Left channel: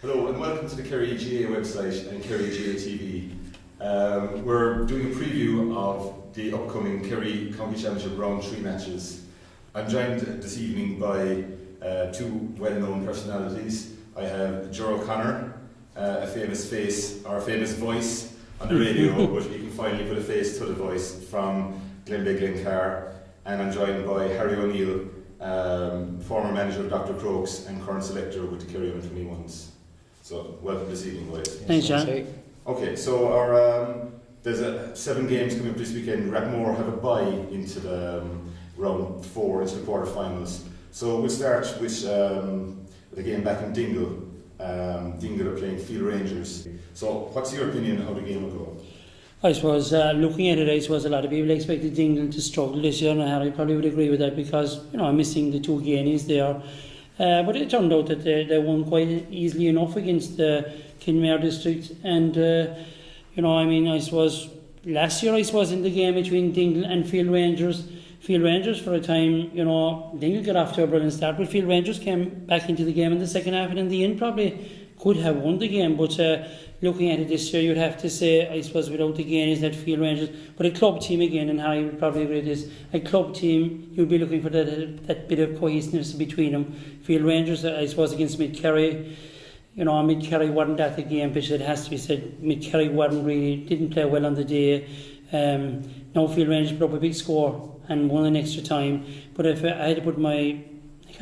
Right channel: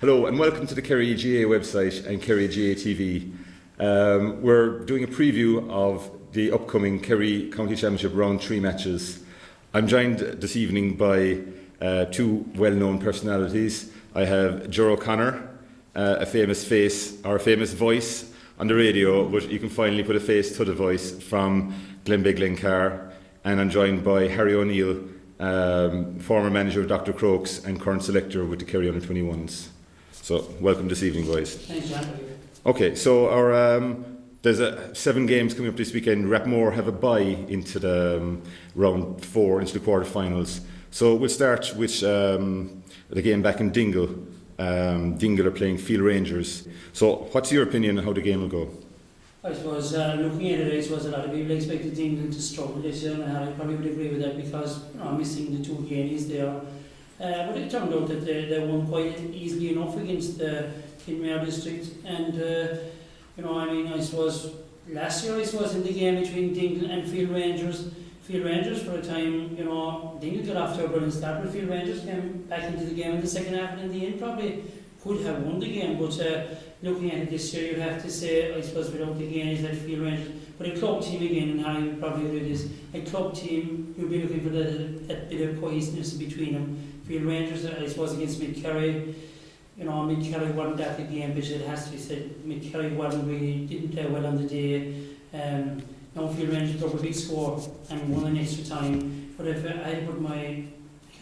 Hello and welcome to the Kerry GAA website and Kerry GAA TV. We're doing a preview of the upcoming Kerry County Championship Round 3 matches. I'm joined this evening by two well-known personalities. I have Ger O'Connor, a famous face or a famous voice on the radio, but you can finally put a face to the voice, from Glenbeigh Glencar. And I'm joined by Harry O'Neill, former manager of Dr. Crokes and current selector with the Kerry Under-21s. So welcome this evening, boys. Thanks, John. Okay, so our there's 7 games coming up this weekend. Rapmore have a bye into the round 4, into the quarterfinals. So we'll start with the game back in Dingle. Dingle are playing Field Rangers. So what's your opinion on how the game will go? I suppose looking at it, I suppose a lot of people expected Dingle to struggle this year, and I probably would agree with that because I'm missing the 2 Guineas there. But it turned out that they won quite easily enough against the Kinmare district, and I suppose last year in the game between Dingle and Field Rangers for a time, Dingle got off to a brilliant start, but Field Rangers came back into the game in the second half, and in the end probably could have won the game. But looking at it this year, you'd have to say, I suppose, without the Guineas, that Field Rangers, but a club team again, and Harry would probably agree with this, a club team, you'd be looking for that bit of cohesiveness between them. Field Rangers, I suppose, against Mid-Kerry, Mid-Kerry wasn't at the game, but it has to be said, Mid-Kerry didn't play well on the day. Now Field Rangers put up a big score and won in extra time, but if I had to put my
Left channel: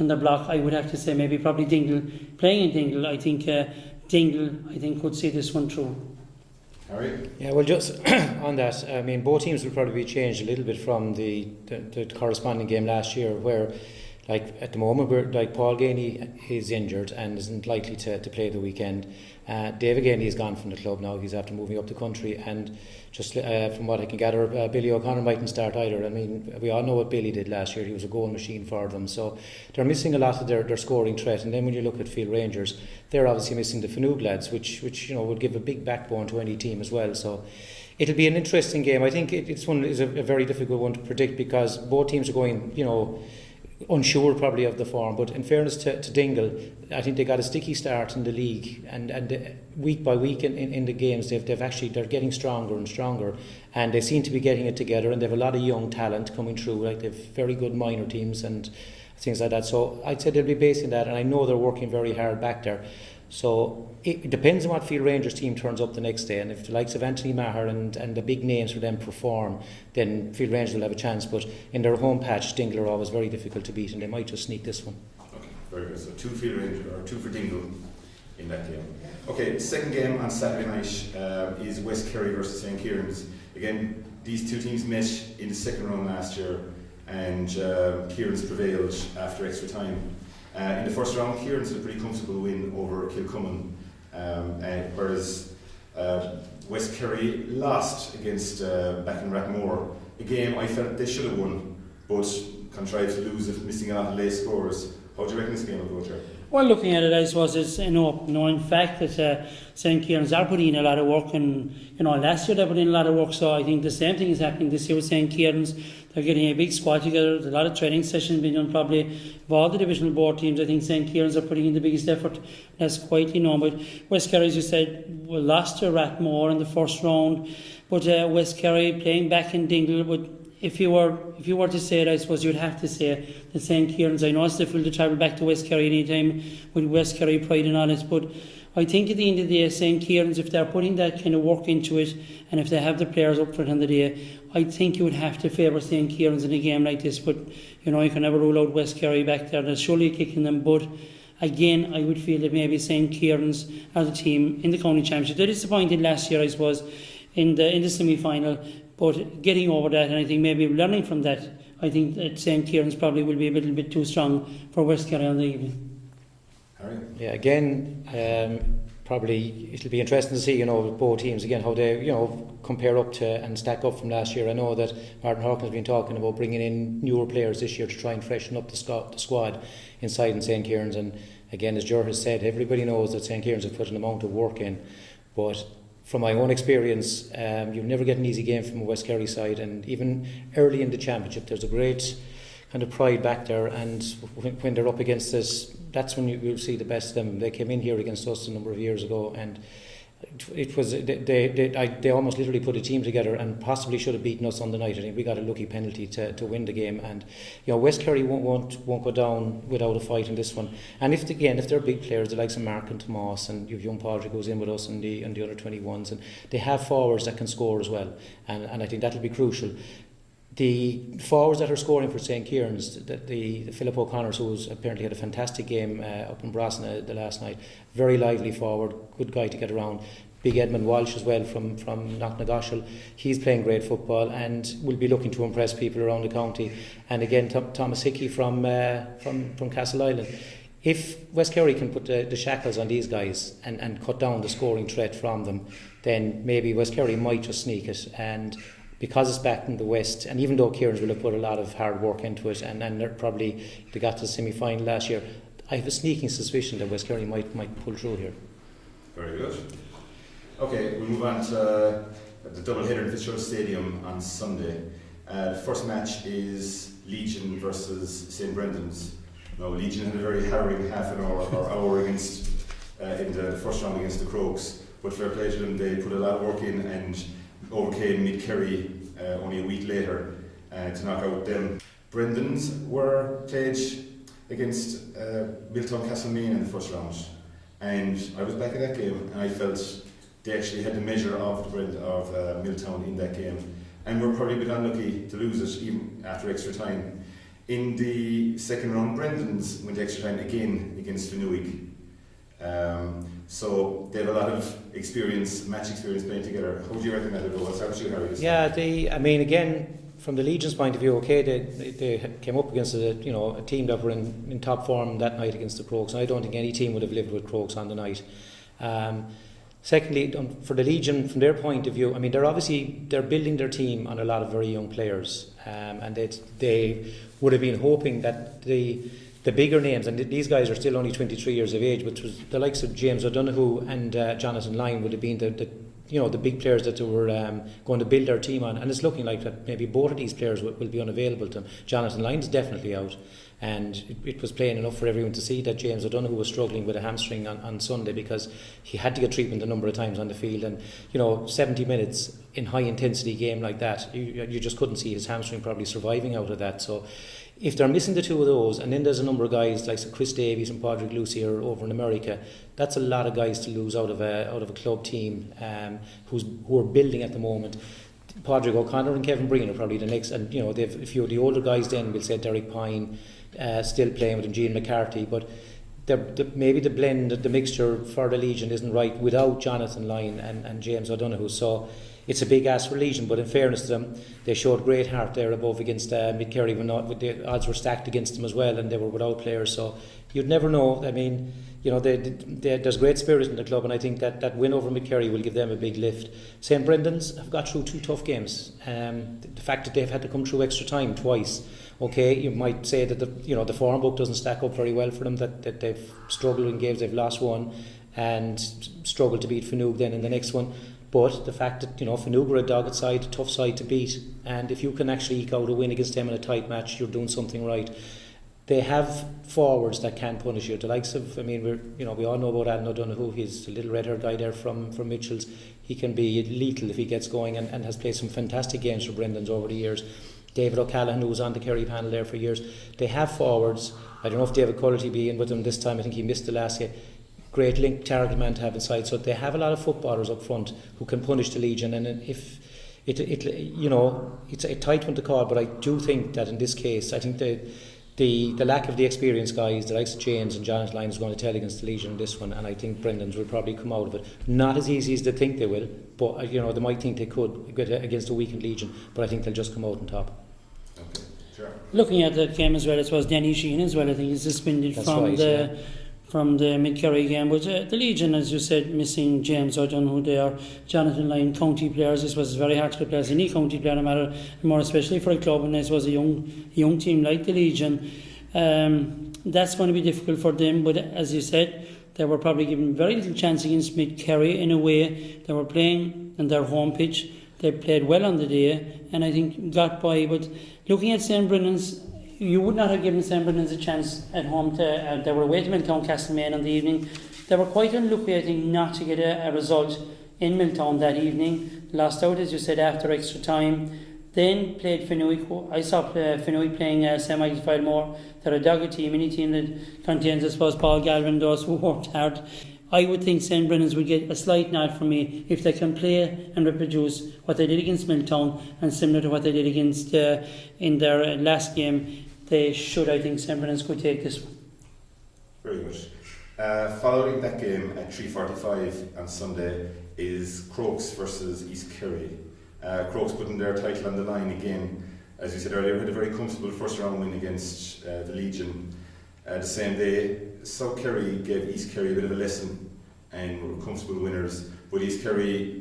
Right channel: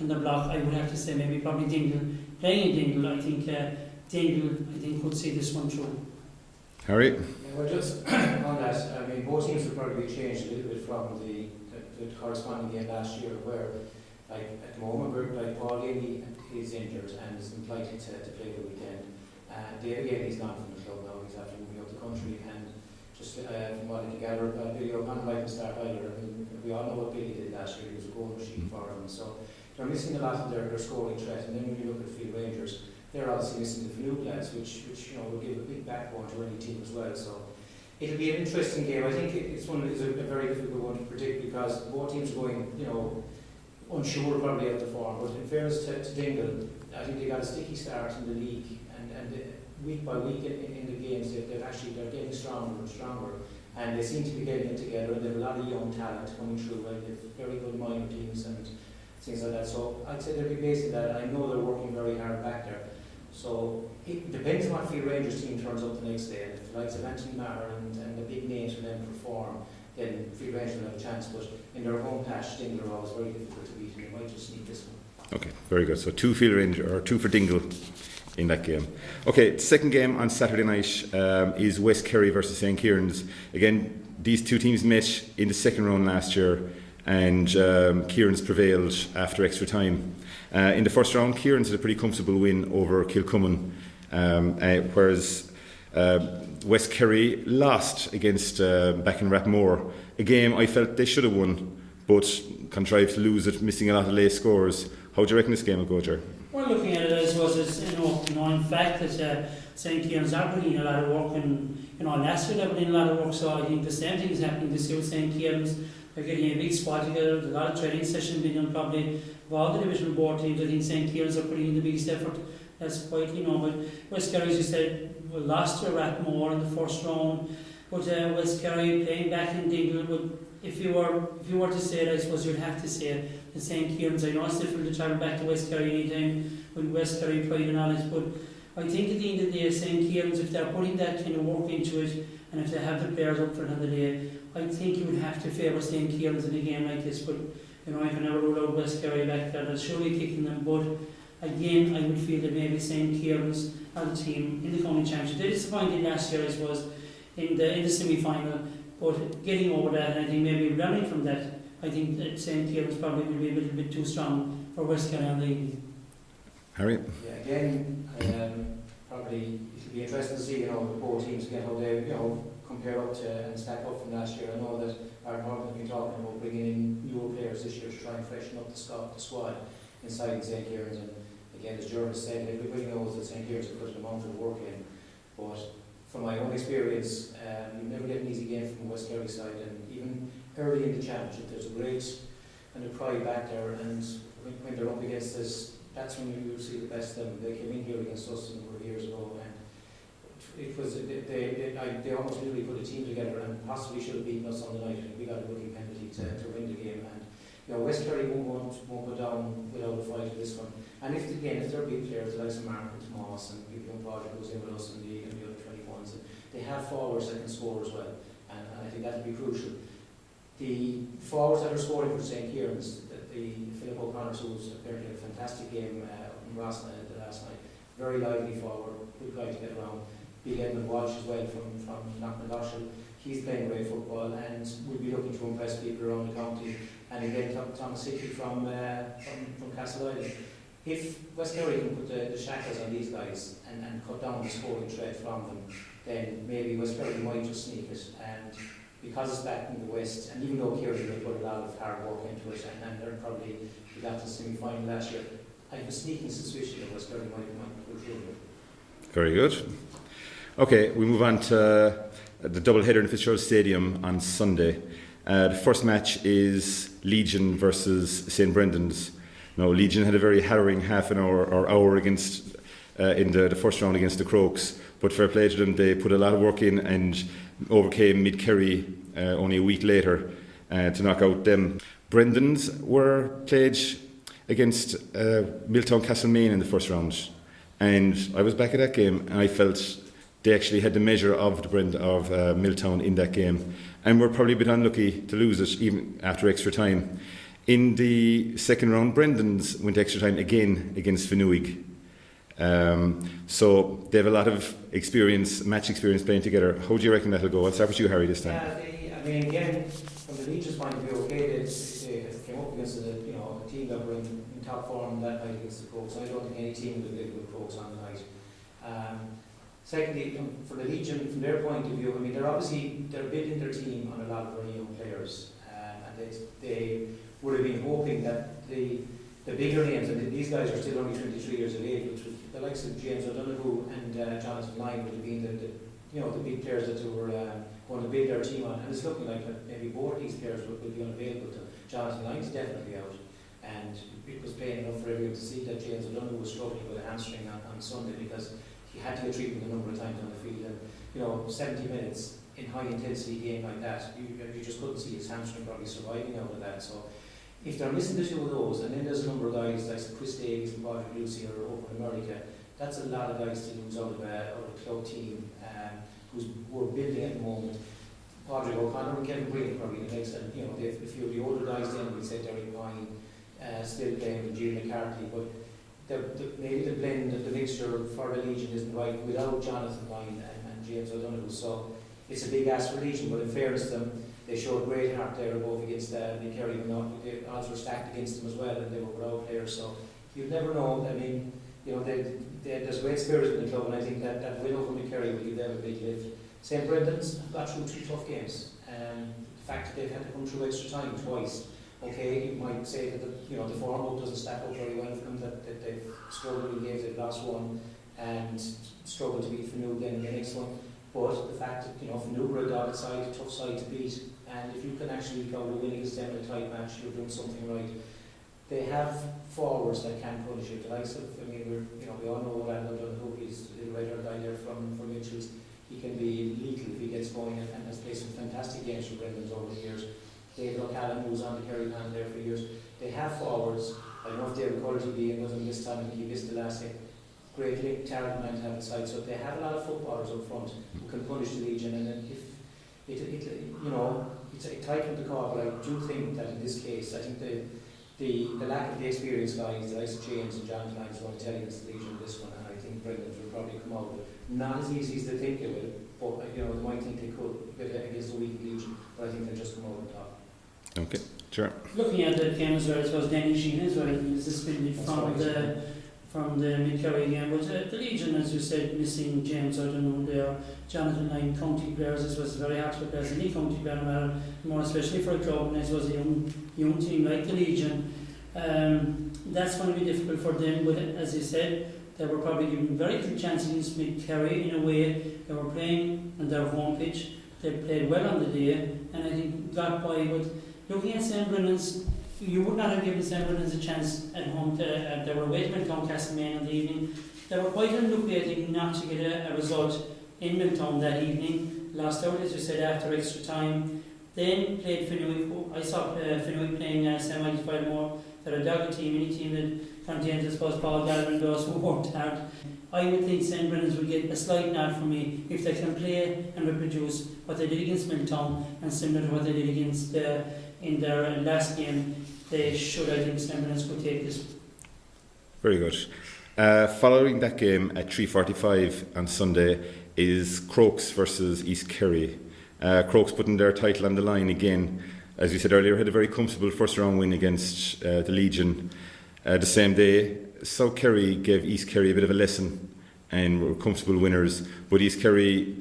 on the block, I would have to say maybe probably Dingle. Playing in Dingle, I think Dingle could see this one through. Harry? Yeah, well, just on that, both teams will probably be changed a little bit from the corresponding game last year, where, at the moment, Paul Gainey is injured and isn't likely to play the weekend. David Gainey is gone from the club now. He's after moving up the country, and just from what I can gather, Billy O'Connor mightn't start either. We all know what Billy did last year. He was a goal machine for them. So they're missing a lot of their scoring threat. And then when you look at Field Rangers, they're obviously missing the Fanood lads, which would give a big backbone to any team as well. So it'll be an interesting game. I think it's a very difficult one to predict because both teams are going, unsure probably of the form, but in fairness to Dingle, I think they got a sticky start in the league, and week by week in the games they're getting stronger and stronger, and they seem to be getting it together, and they have a lot of young talent coming through. They've very good minor teams and things like that. So I'd say they'll be basing that, and I know they're working very hard back there. So it depends on what Field Rangers team turns up the next day, and if the likes of Anthony Maher and the big names for them perform, then Field Rangers will have a chance. But in their home patch, Dingle are always very difficult to beat, and they might just sneak this one. Okay, very good. So 2 Field Rangers, or 2 for Dingle in that game. Okay, the second game on Saturday night is West Kerry versus St. Kieran's. Again, these 2 teams met in the second round last year, and Kieran's prevailed after extra time. In the first round, Kieran's had a pretty comfortable win over Kilcummin, whereas West Kerry lost against back in Rapmore, a game I felt they should have won, but contrived to lose it, missing a lot of late scores. How do you reckon this game will go, Jerry? Well, looking at it, I suppose it's in fact that St. Kieran's are putting in a lot of work, and last year they put in a lot of work. So I think the same thing is happening this year with St. Kieran's. They're getting a big squad together. There's a lot of training sessions being done probably of all the divisional board teams. I think St. Kieran's are putting in the biggest effort. That's quite but West Kerry, as you said, lost to Rathmore in the first round, but West Kerry playing back in Dingle. But if you were to say it, I suppose you'd have to say that St. Kieran's, I know it's difficult to travel back to West Kerry any time with West Kerry pride and all it, but I think at the end of the day, St. Kieran's, if they're putting that kind of work into it, and if they have the players up for it on the day, I think you would have to favour St. Kieran's in a game like this. But you can never rule out West Kerry back there. There's surely kicking them, but again, I would feel that maybe St. Kieran's are the team in the county championship. They disappointed last year, I suppose, in the semi-final, but getting over that, and I think maybe learning from that, I think that St. Kieran's probably will be a little bit too strong for West Kerry on the evening. Harry? Yeah, again, probably it'll be interesting to see, with both teams again how they, compare up to and stack up from last year. I know that Martin Hawkins has been talking about bringing in newer players this year to try and freshen up the squad inside in St. Kieran's, and again, as Ger has said, everybody knows that St. Kieran's have put an amount of work in, but from my own experience, you'll never get an easy game from a West Kerry side, and even early in the championship there's a great kind of pride back there, and when they're up against that that's when you see the best of them. They came in here against us a number of years ago, and it was they almost literally put a team together and possibly should have beaten us on the night. I think we got a lucky penalty to win the game, and West Kerry won't go down without a fight in this one. And if they're big players, the likes of Mark and Tomas, and you've young Padraig goes in with us and the other 21s, and they have forwards that can score as well, and I think that'll be crucial. The forwards that are scoring for St. Kieran's, the Philip O'Connors, who's apparently had a fantastic game up in Brasna the last night, very lively forward, good guy to get around. Big Edmund Walsh as well from Knocknagoshel. He's playing great football and will be looking to impress people around the county. And again, Thomas Hickey from Castle Island. If West Kerry can put the shackles on these guys and cut down the scoring threat from them, then maybe West Kerry might just sneak it. And because it's back in the West, and even though Kieran's will have put a lot of hard work into it, and they got to the semi-final last year, I have a sneaking suspicion that West Kerry might pull through here. Very good. Okay, we move on to the double-header in Fitzgerald Stadium on Sunday. The first match is Legion versus St. Brendan's. Now, Legion had a very harrowing half an hour or hour against in the first round against the Crokes, but fair play to them, they put a lot of work in and overcame Mid Kerry only a week later to knock out them. Brendan's were played against Milltown Castlemaine in the first round, and I was back at that game and I felt they actually had the measure of Milltown in that game, and were probably a bit unlucky to lose it even after extra time. In the second round, Brendan's went extra time again against Finuig. So they have a lot of match experience playing together. How do you reckon that'll go? I'll start with you, Harry, this time. Yeah, again, from the Legion's point of view, okay, they came up against a team that were in top form that night against the Crokes, and I don't think any team would have lived with Crokes on the night. Secondly, for the Legion, from their point of view, they're building their team on a lot of very young players, and they would have been hoping that the bigger names, and these guys are still only 23 years of age, which was the likes of James O'Donoghue and Jonathan Lyne would have been the big players that they were going to build their team on, and it's looking like that maybe both of these players will be unavailable to them. Jonathan Lyne is definitely out, and it was plain enough for everyone to see that James O'Donoghue was struggling with a hamstring on Sunday, because he had to get treatment a number of times on the field, and 70 minutes in high intensity game like that, you just couldn't see his hamstring probably surviving out of that. So if they're missing the two of those, and then there's a number of guys like Chris Davies and Padraig Lucy are over in America, that's a lot of guys to lose out of a club team who are building at the moment. Padraig O'Connor and Kevin Breen are probably the next, and they've a few of the older guys. Then we'll say Derek Pine, still playing with him, Gene McCarthy, but maybe the blend, the mixture for the Legion isn't right without Jonathan Lyne and James O'Donoghue. So it's a big ask for Legion, but in fairness to them, they showed great heart there above against Mid Kerry when the odds were stacked against them as well, and they were without players. So you'd never know. There's great spirit in the club, and I think that win over Mid Kerry will give them a big lift. St. Brendan's have got through two tough games. The fact that they've had to come through extra time twice. Okay, you might say that the form book doesn't stack up very well for them, that they've struggled in games, they've lost one and struggled to beat Finuig then in the next one. But the fact that Finuig are a dogged side, a tough side to beat, and if you can actually eke out a win against them in a tight match, you're doing something right. They have forwards that can punish you. The likes of, we all know about Alan O'Donoghue. He's a little red-haired guy there from Mitchell's. He can be lethal if he gets going, and has played some fantastic games for Brendan's over the years. David O'Callaghan, who was on the Kerry panel there for years. They have forwards. I don't know if David Cullity will be in with them this time. I think he missed the last game. Great link, terrible man to have inside. So they have a lot of footballers up front who can punish the Legion. And if it's a tight one to call, but I do think that in this case, I think the lack of the experienced guys, the likes of James and Jonathan Lyne, is going to tell against the Legion in this one, and I think Brendan's will probably come out of it. Not as easy as they think they will, but they might think they could against a weakened Legion, but I think they'll just come out on top. Okay, sure. Looking at that game as well, it was Danny Sheehan as well. I think he's suspended from the Mid Kerry game. But the Legion, as you said, missing James O'Donoghue there, Jonathan Lyne, county players. This was very hard to replace any county player, no matter, more especially for a club, and this was a young team like the Legion. That's going to be difficult for them. But as you said, they were probably given very little chance against Mid Kerry in a way. They were playing on their home pitch. They played well on the day, and I think got by. But looking at St. Brendan's, you would not have given St. Brendan's a chance at home. They were away to Milltown Castlemaine on the evening. They were quite unlucky, I think, not to get a result in Milltown that evening. Lost out, as you said, after extra time. Then played Fenwick. I saw Fenwick playing St. Michael's Filemore. They're a dogged team, any team that contains, I suppose, Paul Galvin, those who worked hard. I would think St. Brendan's would get a slight nod from me if they can play and reproduce what they did against Milltown and similar to what they did against in their last game. They should, I think, St. Brendan's could take this one. Very good. Following that game at 3:45 on Sunday is Crokes versus East Kerry. Crokes putting their title on the line again. As you said earlier, had a very comfortable first round win against the Legion. The same day, South Kerry gave East Kerry a bit of a lesson and were comfortable winners. But East Kerry,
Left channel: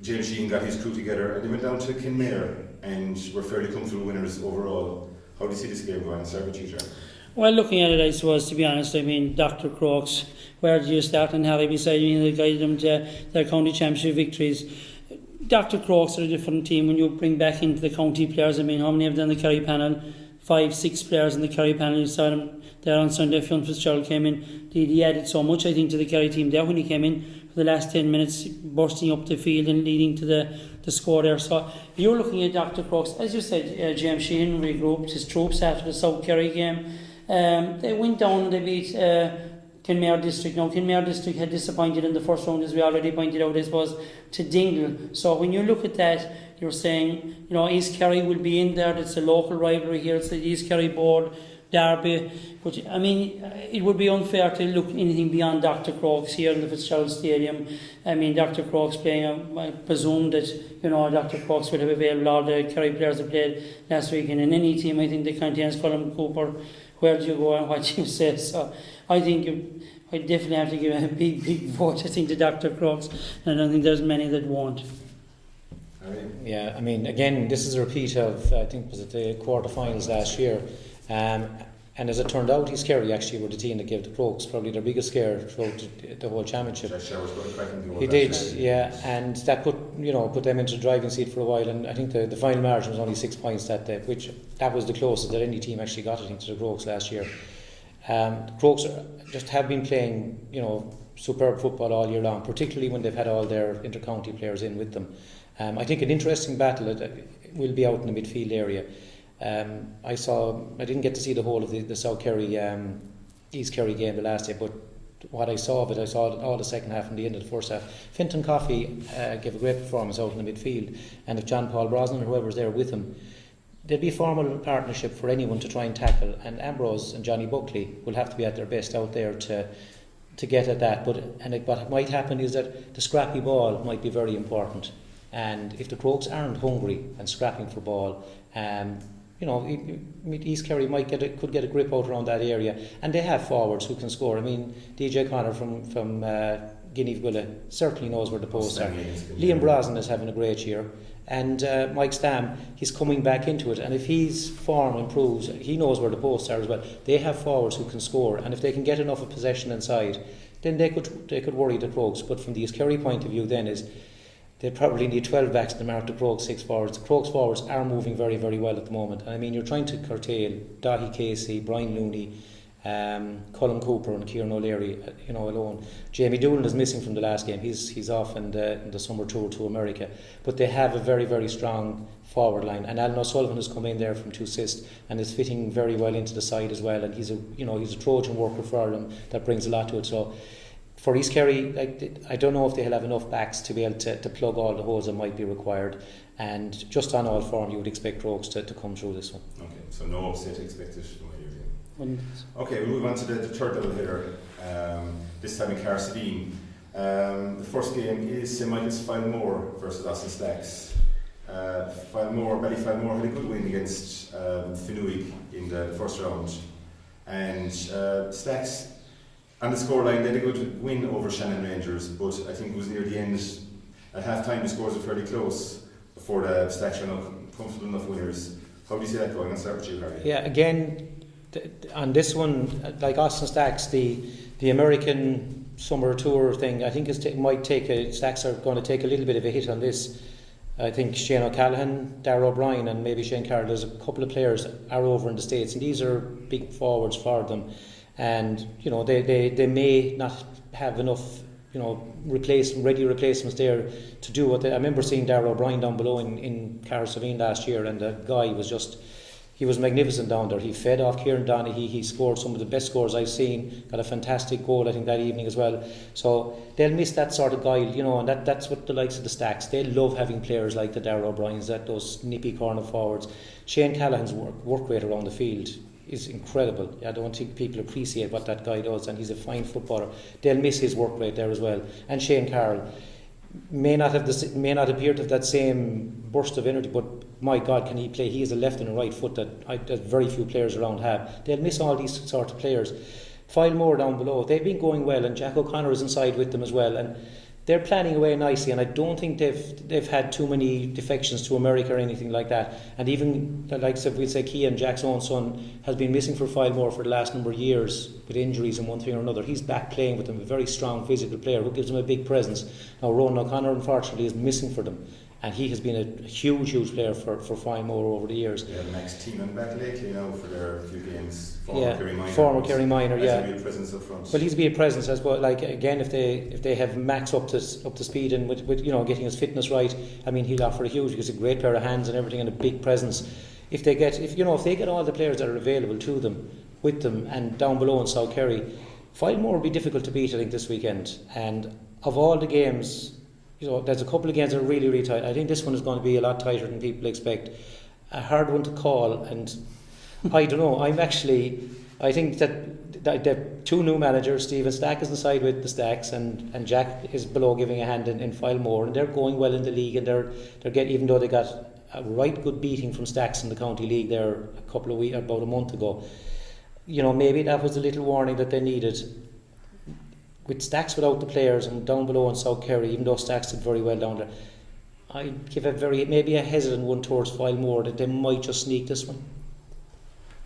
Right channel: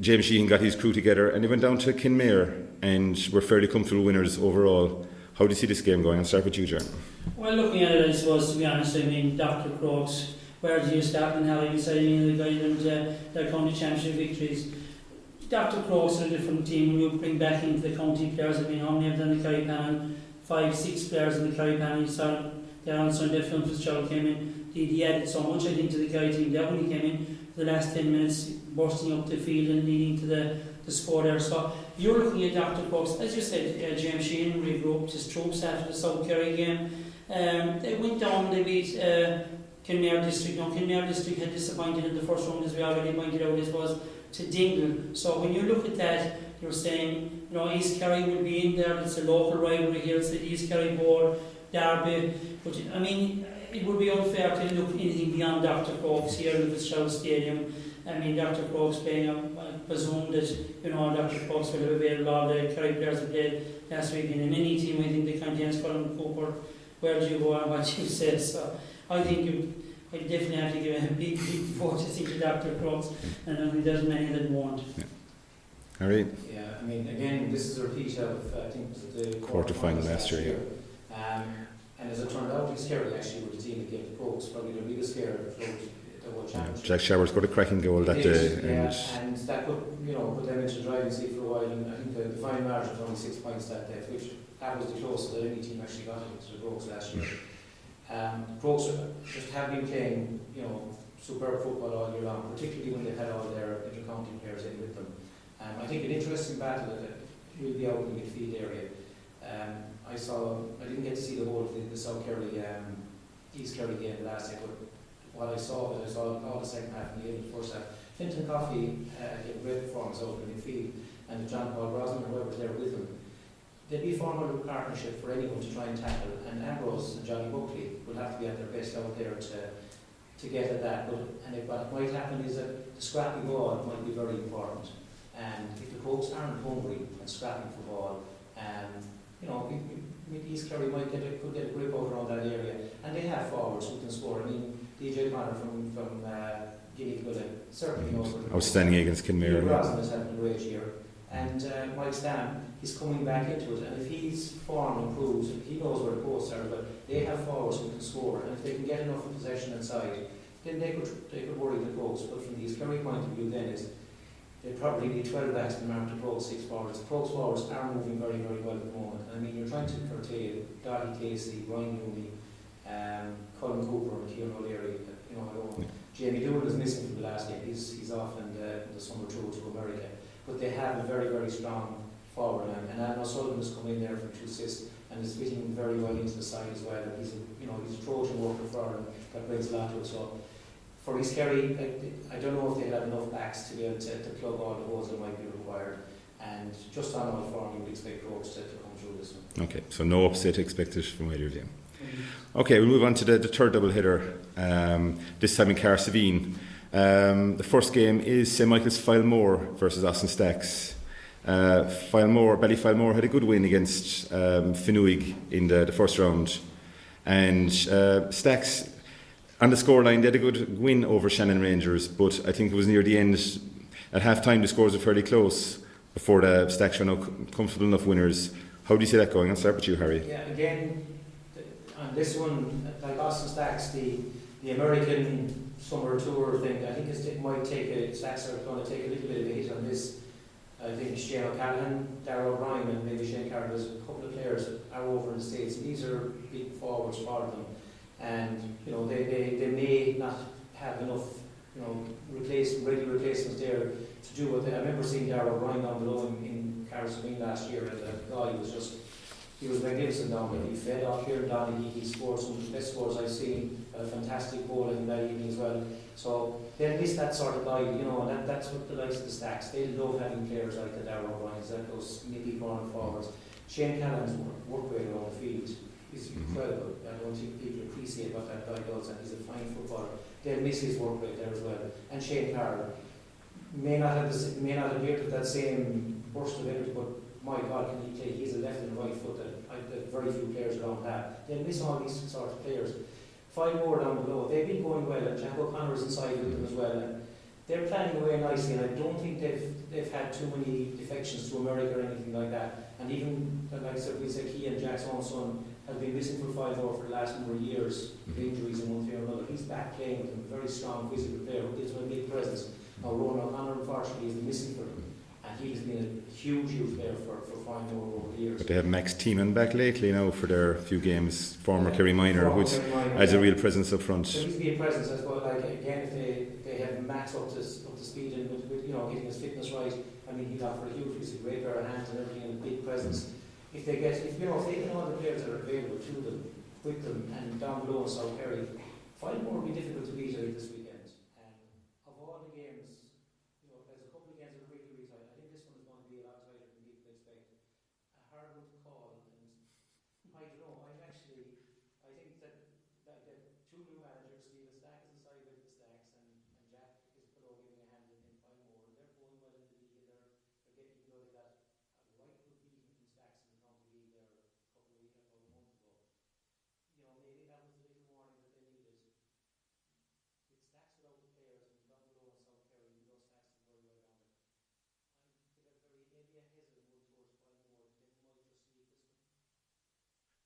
James Sheehan got his crew together and they went down to Kinmare and were fairly comfortable winners overall. How do you see this game going? I'll start with you, John. Well, looking at it, I suppose, to be honest, I mean, Dr. Crokes, where do you start and Harry beside me that guided them to their county championship victories? Dr. Crokes are a different team when you bring back into the county players. I mean, how many have done the Kerry panel? 5-6 players in the Kerry panel. You saw them there on Sunday. Fionn Fitzgerald came in. He added so much, I think, to the Kerry team there when he came in for the last 10 minutes, bursting up the field and leading to the score there. So you're looking at Dr. Crokes. As you said, James Sheehan regrouped his troops after the South Kerry game. They went down, they beat Kinmare District. Now, Kinmare District had disappointed in the first round, as we already pointed out, as was to Dingle. So when you look at that, you're saying, you know, East Kerry will be in there. It's a local rivalry here. It's the East Kerry board, Derby. But I mean, it would be unfair to look anything beyond Dr. Crokes here in the Fitzgerald Stadium. I mean, Dr. Crokes playing, I presume that, you know, Dr. Crokes would have available all the Kerry players that played last week. And in any team, I think that contains Colin Cooper, where do you go and what you say. So I think I definitely have to give a big vote, I think, to Dr. Crokes. And I don't think there's many that won't. Harry? Yeah, I mean, again, this is a repeat of, I think, was it the quarterfinals last year. And as it turned out, East Kerry actually were the team that gave the Crokes probably their biggest scare throughout the whole championship. Jack Showers got a cracking goal he that did, day. yeah, and that put them into the driving seat for a while. And I think the final margin was only 6 points that day, which that was the closest that any team actually got, I think, to the Crokes last year. The Crokes just have been playing, you know, superb football all year long, particularly when they've had all their inter-county players in with them. I think an interesting battle will be out in the midfield area. I didn't get to see the whole of the South Kerry East Kerry game the last day, but what I saw of it, I saw all the second half and the end of the first half. Fintan Coffey gave a great performance out in the midfield, and if John Paul Brosnan or whoever's there with him, there'd be a formal partnership for anyone to try and tackle, and Ambrose and Johnny Buckley will have to be at their best out there to get at that. What might happen is that the scrappy ball might be very important, and if the Crokes aren't hungry and scrapping for ball, you know, East Kerry could get a grip out around that area, and they have forwards who can score. I mean, DJ Connor from Guinea Villa certainly knows where the posts are. Liam Brosnan is having a great year, and Mike Stam, he's coming back into it, and if his form improves, he knows where the posts are as well. They have forwards who can score, and if they can get enough of possession inside, then they could worry the Crokes. But from the East Kerry point of view, then is they probably need 12 backs to mark the Crokes 6 forwards. The Crokes forwards are moving very, very well at the moment. I mean, you're trying to curtail Dahi Casey, Brian Looney, Colin Cooper and Kieran O'Leary, you know, alone. Jamie Doolan is missing from the last game. He's off in the summer tour to America. But they have a very, very strong forward line. And Alan O'Sullivan has come in there from 2 assists and is fitting very well into the side as well. And he's a Trojan worker for Ireland that brings a lot to it. So for East Kerry, I don't know if they'll have enough backs to be able to plug all the holes that might be required. And just on all form, you would expect Crokes to come through this one. Okay, so no upset expected from either team. Okay, we'll move on to the third double header, this time in Carsavine. The first game is St. Michael's Filemore versus Austin Stacks. Ballyfilemore had a good win against Fenwick in the first round. And Stacks, on the scoreline, they had a good win over Shannon Rangers, but I think it was near the end. At half time, the scores were fairly close before the Stacks were now comfortable enough winners. How do you see that going? I'll start with you, Harry. Yeah, again, on this one, like Austin Stacks, the American summer tour thing, I think Stacks are going to take a little bit of a hit on this. I think Shane O'Callaghan, Darragh O'Brien and maybe Shane Carroll, there's a couple of players that are over in the States, and these are big forwards for them. And, you know, they may not have enough, you know, ready replacements there to do what I remember seeing Darragh O'Brien down below in Carrick last year, and the guy was just, he was magnificent down there. He fed off Kieran Donaghy. He scored some of the best scores I've seen. Got a fantastic goal, I think, that evening as well. So they'll miss that sort of guy, you know, and that's what the likes of the Stacks. They love having players like the Darragh O'Briens, those nippy corner forwards. Shane Callahan's work rate around the field is incredible. I don't think people appreciate what that guy does, and he's a fine footballer. They'll miss his work rate there as well. And Shane Carroll may not appear to have that same burst of energy, but my God, can he play? He has a left and a right foot that very few players around have. They'll miss all these sort of players. Filemore down below, they've been going well, and Jack O'Connor is inside with them as well, and they're planning away nicely, and I don't think they've had too many defections to America or anything like that. And even, like we'd say, Cian, Jack's own son, has been missing for Filemore for the last number of years with injuries and one thing or another. He's back playing with them, a very strong physical player who gives them a big presence. Now Ronan O'Connor, unfortunately, is missing for them, and he has been a huge player for Filemore over the years. They have Max Tiemann back lately now for their few games, former Kerry Minor, has a real presence up front. But he's been a presence, I suppose. Like again, if they have Max up to speed and with you know, getting his fitness right, I mean, he'll offer a huge. He's a great pair of hands and everything, and a big presence. If they get all the players that are available to them, with them, and down below in South Kerry, Filemore will be difficult to beat, I think, this weekend. And of all the games, you know, there's a couple of games that are really, really tight. I think this one is going to be a lot tighter than people expect. A hard one to call, and I don't know. I think that the two new managers, Stephen Stack is inside with the Stacks, and Jack is below giving a hand in Filemore, and they're going well in the league, and they're getting, even though they got a right good beating from Stacks in the county league there about a month ago. You know, maybe that was a little warning that they needed. With Stacks without the players and down below in South Kerry, even though Stacks did very well down there, I'd give maybe a hesitant one towards Filemore, that they might just sneak this one.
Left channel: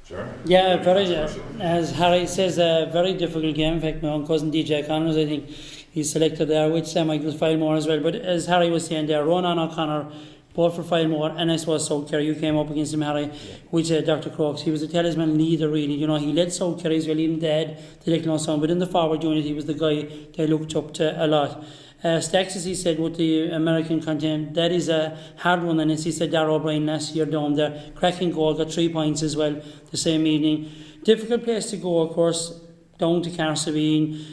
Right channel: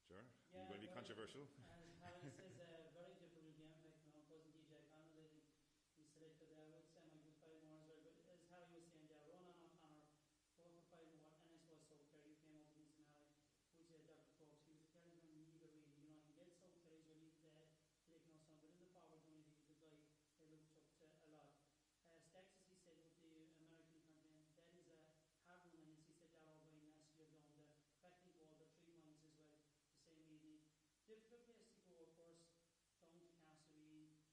Sure. Yeah, as Harry says, a very difficult game. In fact, my own cousin DJ Connors, I think he's selected there with Michael Filemore as well. But as Harry was saying there, Ronan O'Connor, both for Filemore, and I suppose South Kerry, you came up against him, Harry, with Dr. Crokes. He was a talisman leader, really. You know, he led South Kerry as well, even they had no son, but in the forward unit, he was the guy they looked up to a lot. Stacks, as he said, with the American content, that is a hard one, and as he said, Darragh O'Brien last year down there, cracking goal, got 3 points as well the same evening. Difficult place to go, of course, down to Carsavine.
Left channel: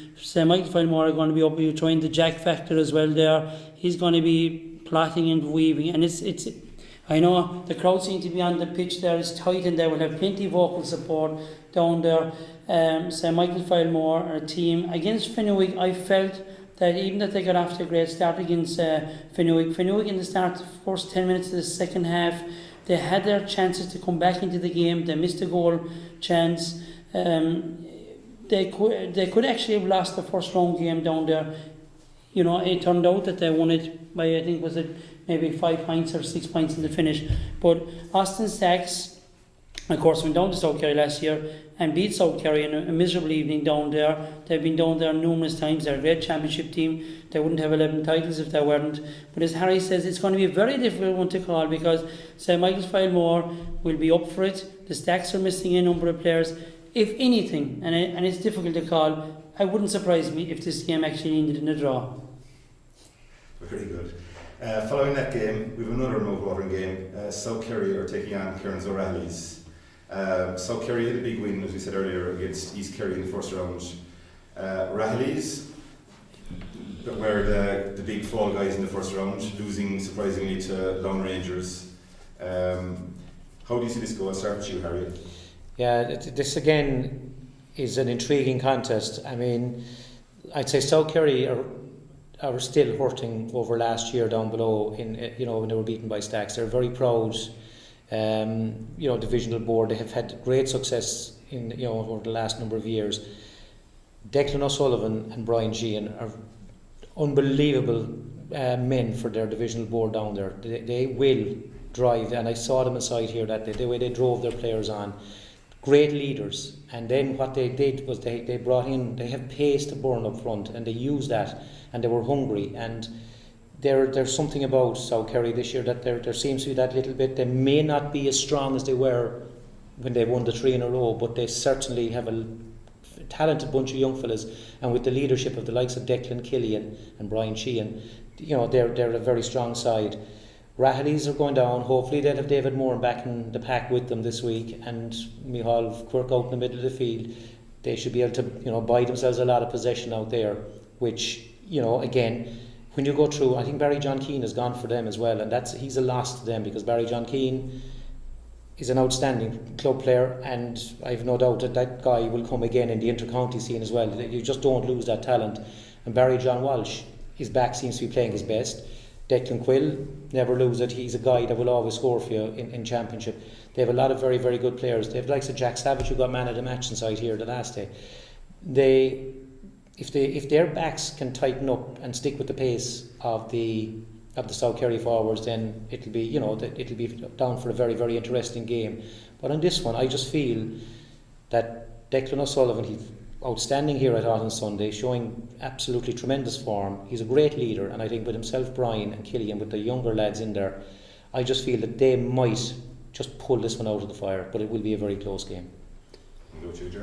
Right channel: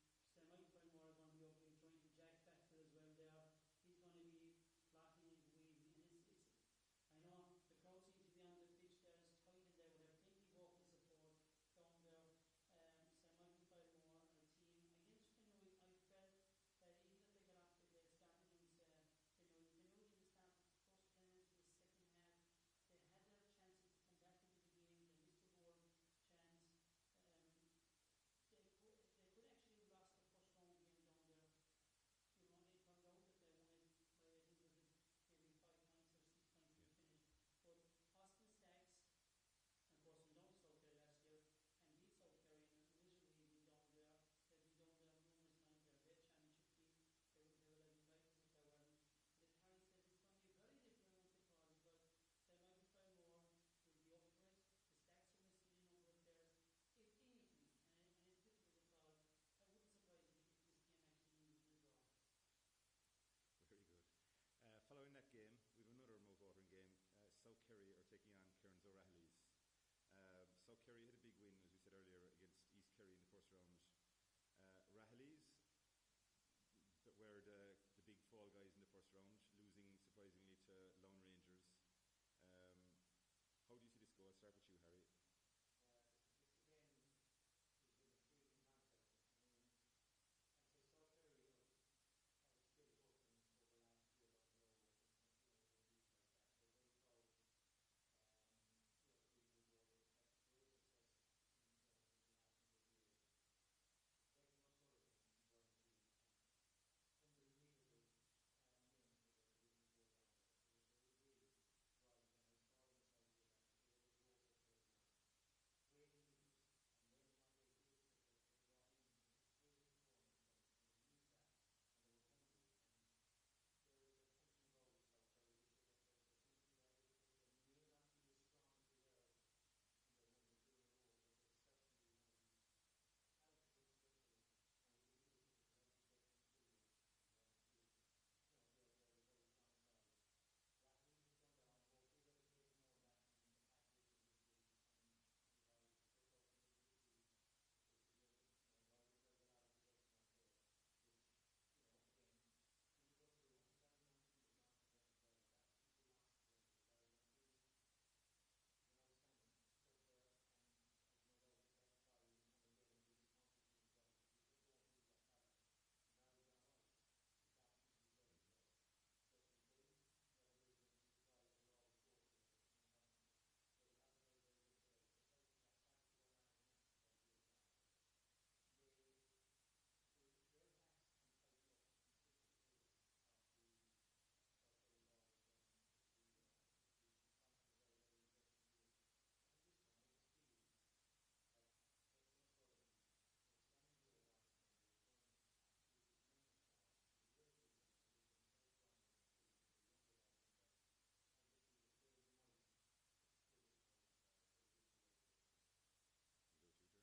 Michael Filemore are going to be up here trying the Jack factor as well there. He's going to be plotting and weaving, and it's I know the crowd seem to be on the pitch there, it's tight, and they will have plenty of vocal support down there. Michael Filemore are a team against Fenwick. I felt that even that they got off to a great start against Fenwick in the start, the first 10 minutes of the second half, they had their chances to come back into the game. They missed a goal chance. They could actually have lost the first round game down there. You know, it turned out that they won it by, I think, was it maybe 5 points or 6 points in the finish. But Austin Stacks, of course, went down to South Kerry last year and beat South Kerry in a miserable evening down there. They've been down there numerous times. They're a great championship team. They wouldn't have 11 titles if they weren't. But as Harry says, it's going to be a very difficult one to call, because St. Michael's Filemore will be up for it. The Stacks are missing a number of players. If anything, and it's difficult to call, I wouldn't surprise me if this game actually ended in a draw. Very good. Following that game, we have another mouth-watering game. South Kerry are taking on Cairns O'Reilly's. South Kerry had a big win, as we said earlier, against East Kerry in the first round. O'Reilly's were the big fall guys in the first round, losing surprisingly to Lone Rangers. How do you see this go? I'll start with you, Harry. Yeah, this again is an intriguing contest. I mean, I'd say South Kerry are still hurting over last year down below when they were beaten by Stacks. They're very proud, divisional board. They have had great success over the last number of years. Declan O'Sullivan and Brian Sheehan are unbelievable men for their divisional board down there. They will drive, and I saw them inside here that the way they drove their players on. Great leaders, and then what they did was they have pace to burn up front, and they used that, and they were hungry, and there's something about South Kerry this year that there seems to be that little bit. They may not be as strong as they were when they won the 3 in a row, but they certainly have a talented bunch of young fellas, and with the leadership of the likes of Declan Killian and Brian Sheehan, they're a very strong side. Rahaleys are going down. Hopefully they'll have David Moore back in the pack with them this week, and Micheál Quirk out in the middle of the field. They should be able to buy themselves a lot of possession out there, which again, when you go through, I think Barry John Keane has gone for them as well, and he's a loss to them, because Barry John Keane is an outstanding club player, and I have no doubt that guy will come again in the inter-county scene as well. You just don't lose that talent. And Barry John Walsh, his back seems to be playing his best. Declan Quill, never lose it. He's a guy that will always score for you in championship. They have a lot of very, very good players. They have the likes of Jack Savage, who got man of the match inside here the last day. If their backs can tighten up and stick with the pace of the South Kerry forwards, then it'll be down for a very, very interesting game. But on this one, I just feel that Declan O'Sullivan, he's outstanding here, I thought, on Sunday, showing absolutely tremendous form. He's a great leader, and I think with himself, Brian and Killian, with the younger lads in there, I just feel that they might just pull this one out of the fire, but it will be a very close game.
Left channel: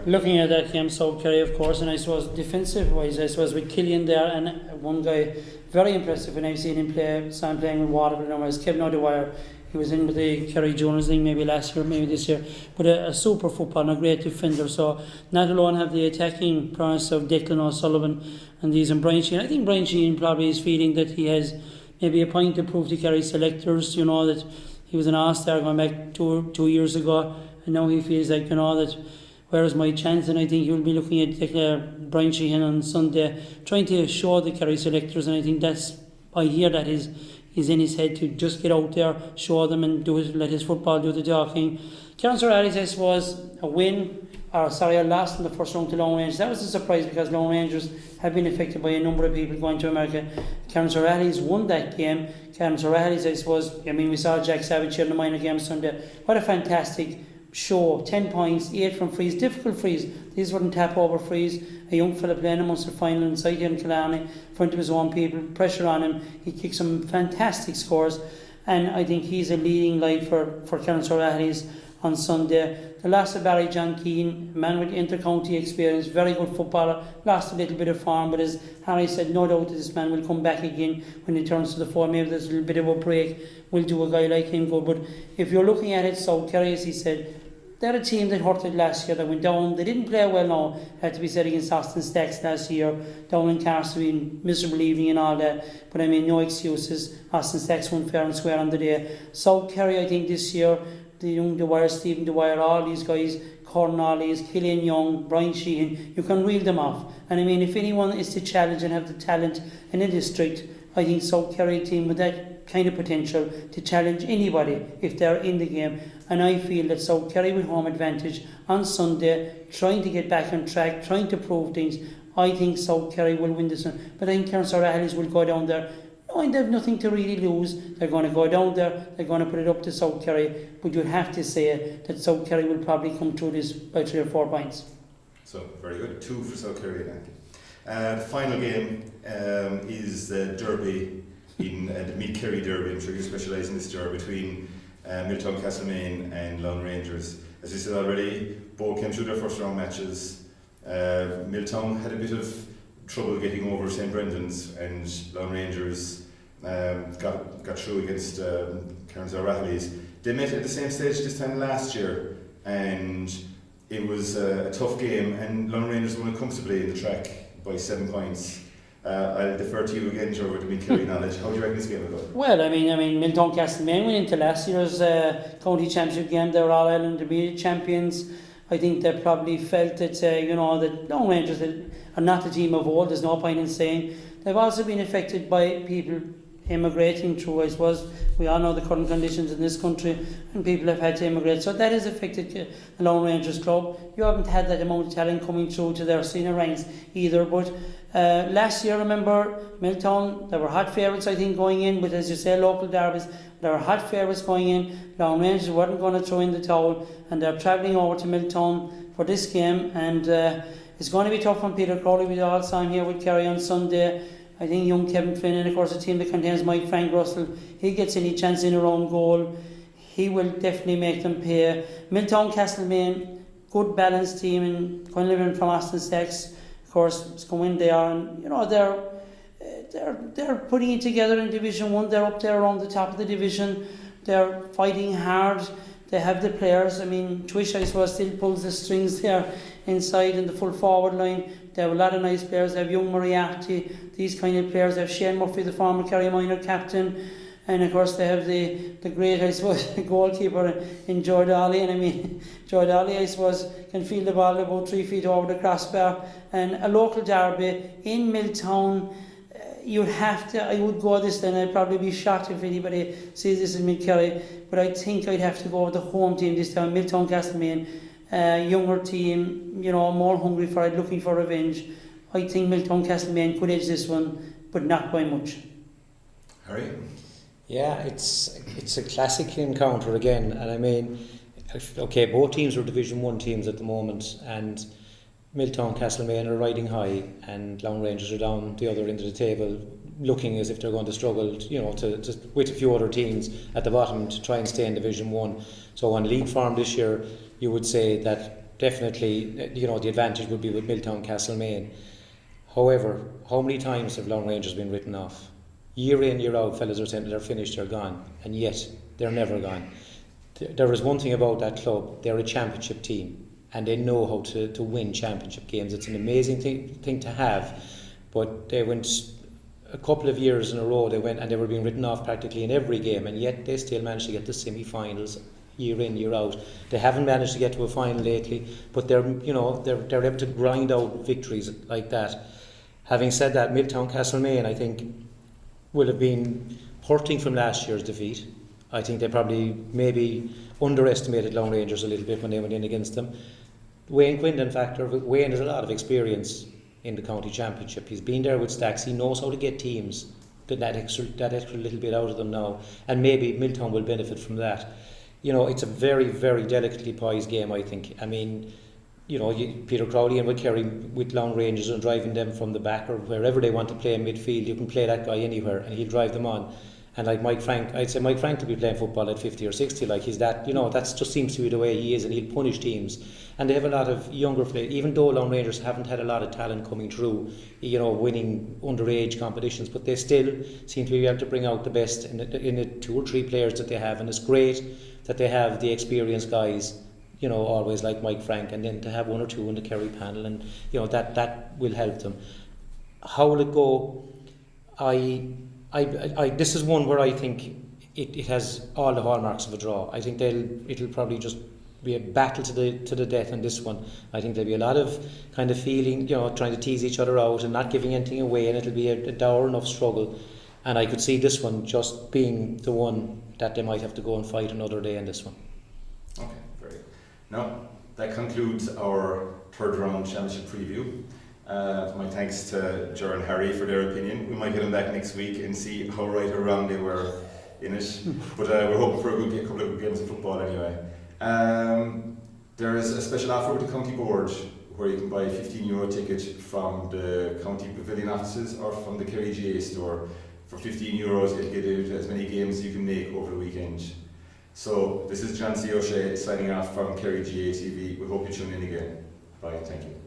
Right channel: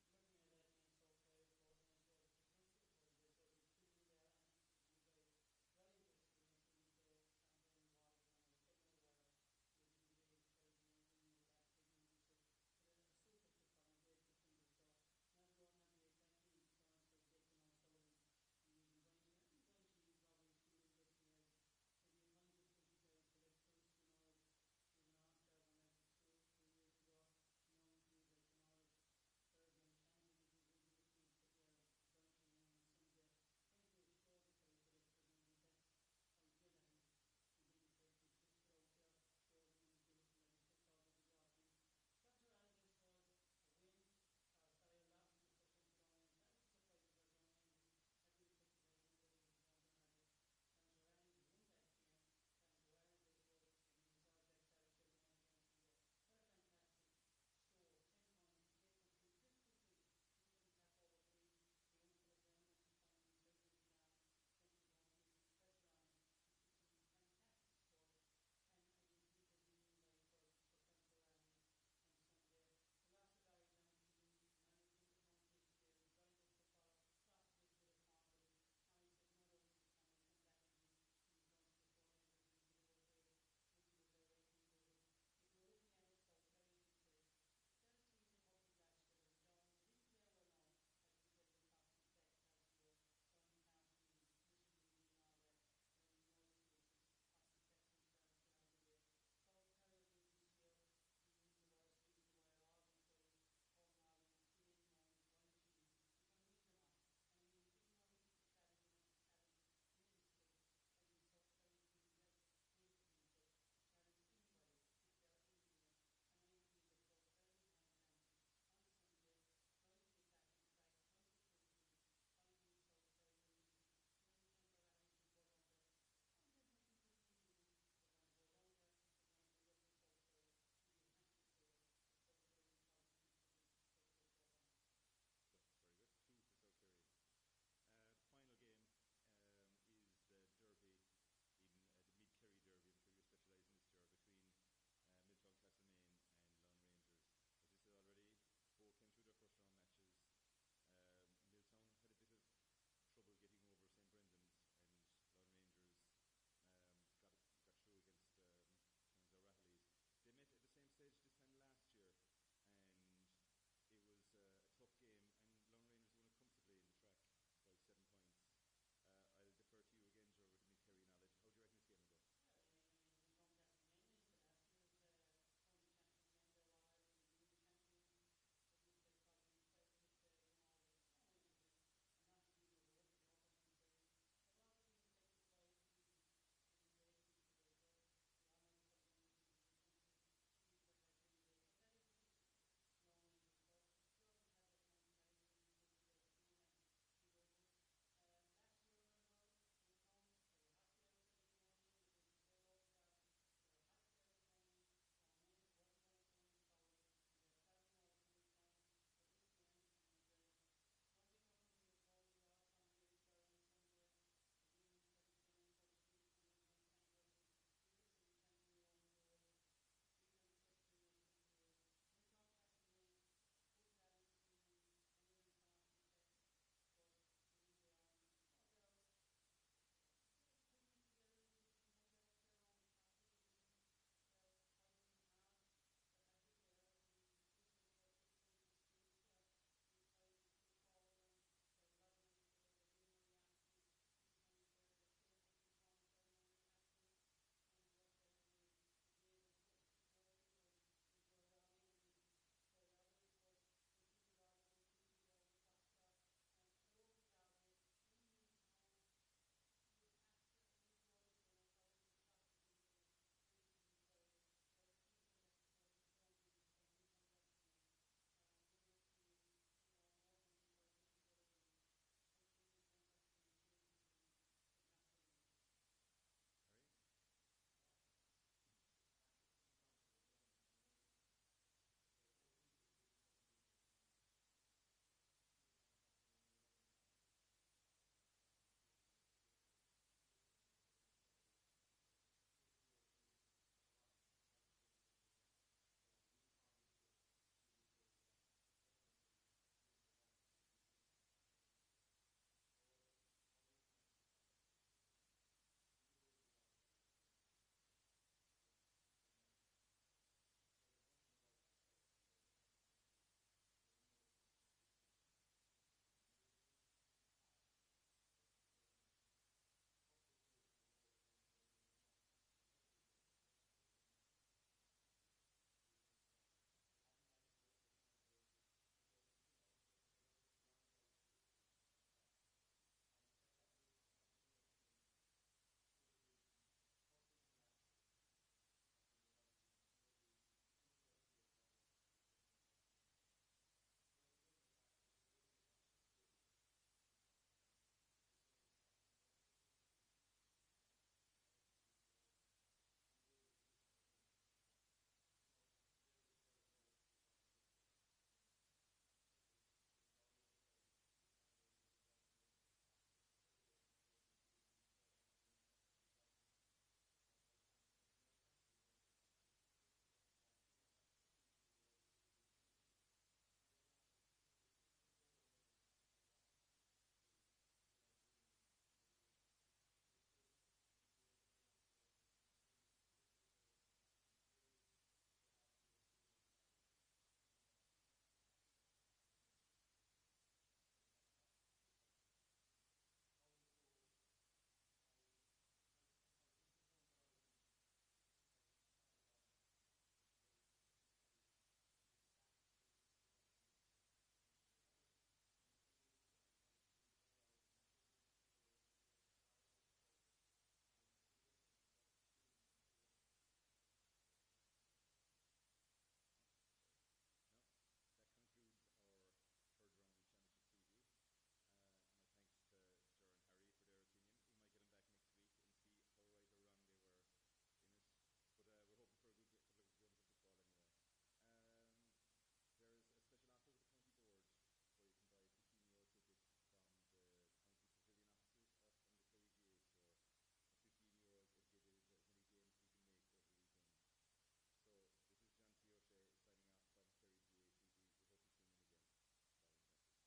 Looking at that game, South Kerry, of course, and I suppose defensive wise, I suppose with Killian there, and one guy very impressive when I've seen him play, saw him playing with Waterford, was Kevin O'Dwyer. He was in with the Kerry Jones thing maybe last year, maybe this year, but a super footballer and a great defender. So not alone have the attacking prowess of Declan O'Sullivan and these, and Brian Sheehan. I think Brian Sheehan probably is feeling that he has maybe a point to prove to Kerry selectors, that he was an all-star going back two years ago, and now he feels like, that where's my chance? And I think he will be looking at Brian Sheehan on Sunday, trying to show the Kerry selectors, and I think I hear that is in his head, to just get out there, show them, and let his football do the talking. Councillor Alice, I suppose, a loss in the first round to Lone Rangers. That was a surprise, because Lone Rangers have been affected by a number of people going to America. Councillor Alice won that game. Councillor Alice, I suppose, we saw Jack Savage here in the minor game Sunday. What a fantastic show. 10 points, 8 from frees, difficult frees. These weren't tap over frees. A young fella playing a Munster final inside here in Killarney, in front of his own people, pressure on him. He kicked some fantastic scores, and I think he's a leading light for Councillor Alice on Sunday. The loss of Barry John Keane, man with inter-county experience, very good footballer, lost a little bit of form, but as Harry said, no doubt this man will come back again when he turns to the fore. Maybe there's a little bit of a break, will do a guy like him good. But if you're looking at it, South Kerry, as he said, they're a team that hurted last year, that went down. They didn't play well now, had to be said, against Austin Stacks last year, down in Carsey, miserable evening and all that. But no excuses. Austin Stacks won fair and square on the day. South Kerry, I think this year, the young Dwyer, Stephen Dwyer, all these guys, Cornwallis, Killian Young, Brian Sheehan, you can reel them off. And if anyone is to challenge and have the talent in a district, I think South Kerry team with that kind of potential to challenge anybody if they're in the game. And I feel that South Kerry with home advantage on Sunday, trying to get back on track, trying to prove things. I think South Kerry will win this one. But I think Councillor Rahali's will go down there knowing they have nothing to really lose. They're going to go down there, they're going to put it up to South Kerry. But you'd have to say that South Kerry will probably come through this by 3 or 4 points. So, very good. 2 for South Kerry then. The final game is the derby, in the Meath Kerry derby. I'm sure you specialise in this derby between Milltown Castlemaine and Lone Rangers. As you said already, both came through their first round matches. Milltown had a bit of trouble getting over St Brendan's, and Lone Rangers got through against Kerry GAA. They met at the same stage this time last year, and it was a tough game, and Lone Rangers won it comfortably in the track by 7 points. I'll defer to you again, Joe, with the Meath Kerry knowledge. How do you reckon this game will go? Well, Milltown Castlemaine went into last year's county championship game. They were All Ireland Intermediate champions. I think they probably felt that that Lone Rangers are not the team of old. There's no point in saying. They've also been affected by people immigrating through. I suppose we all know the current conditions in this country, and people have had to immigrate. So that has affected the Lone Rangers club. You haven't had that amount of talent coming through to their senior ranks either. But last year, remember, Milltown, they were hot favourites, I think, going in. But as you say, local derbies, they were hot favourites going in. Lone Rangers weren't going to throw in the towel, and they're travelling over to Milltown for this game. And it's going to be tough on Peter Crowley. We all saw him here with Kerry on Sunday. I think young Kevin Flynn, and of course a team that contains Mike Frank Russell, he gets any chance in around goal, he will definitely make them pay. Milltown Castlemaine, good balanced team, and going living from Austin Stacks, of course, it's going there, and they're putting it together in Division 1. They're up there around the top of the division. They're fighting hard. They have the players. I mean, Twish, I suppose, still pulls the strings there inside in the full forward line. They have a lot of nice players. They have young Moriarty, these kind of players. They have Shane Murphy, the former Kerry minor captain. And of course they have the great, I suppose, goalkeeper in Joe Dolly. And I mean, Joe Dolly, I suppose, can field the ball about 3 feet over the crossbar. And a local derby in Milltown, you'd have to, I would go this, and I'd probably be shocked if anybody sees this in Mid-Kerry, but I think I'd have to go with the home team this time, Milltown Castlemaine, younger team, more hungry for it, looking for revenge. I think Milltown Castlemaine could edge this one, but not by much. Harry? Yeah, it's a classic encounter again, and I mean, okay, both teams are Division 1 teams at the moment, and Milltown Castlemaine are riding high, and Long Rangers are down the other end of the table, looking as if they're going to struggle, to with a few other teams at the bottom to try and stay in Division 1. So on league form this year, you would say that definitely, the advantage would be with Milltown Castlemaine. However, how many times have Long Rangers been written off? Year in, year out, fellas are saying they're finished, they're gone, and yet they're never gone. There is one thing about that club: they're a championship team, and they know how to win championship games. It's an amazing thing to have, but they went a couple of years in a row, they were being written off practically in every game, and yet they still managed to get to semi-finals year in, year out. They haven't managed to get to a final lately, but they're able to grind out victories like that. Having said that, Milltown Castlemaine, I think, will have been hurting from last year's defeat. I think they probably maybe underestimated Long Rangers a little bit when they went in against them. Wayne Quinlan factor. Wayne has a lot of experience in the county championship. He's been there with Stacks. He knows how to get teams that extra little bit out of them now, and maybe Milltown will benefit from that. It's a very, very delicately poised game, I think. I mean, Peter Crowley and with Kerry with Long Rangers and driving them from the back or wherever they want to play in midfield, you can play that guy anywhere and he'll drive them on. And like Mike Frank, I'd say Mike Frank could be playing football at 50 or 60, like he's that, that just seems to be the way he is, and he'll punish teams. And they have a lot of younger players, even though Long Rangers haven't had a lot of talent coming through, winning underage competitions, but they still seem to be able to bring out the best in the 2 or 3 players that they have. And it's great that they have the experienced guys, always like Mike Frank, and then to have 1 or 2 in the Kerry panel, and that will help them. How will it go? This is one where I think it has all the hallmarks of a draw. I think it'll probably just be a battle to the death in this one. I think there'll be a lot of kind of feeling, trying to tease each other out and not giving anything away, and it'll be a dour enough struggle. And I could see this one just being the one that they might have to go and fight another day in this one. Okay, great. Now, that concludes our third round championship preview. My thanks to Ger and Harry for their opinion. We might get them back next week and see how right or wrong they were in it. But we're hoping for a couple of good games of football anyway. There is a special offer with the county board where you can buy a €15 ticket from the county pavilion offices or from the Kerry GAA store. For €15, you'll get as many games as you can make over the weekend. So this is John C. O'Shea signing off from Kerry GAA TV. We hope you tune in again. Bye. Thank you.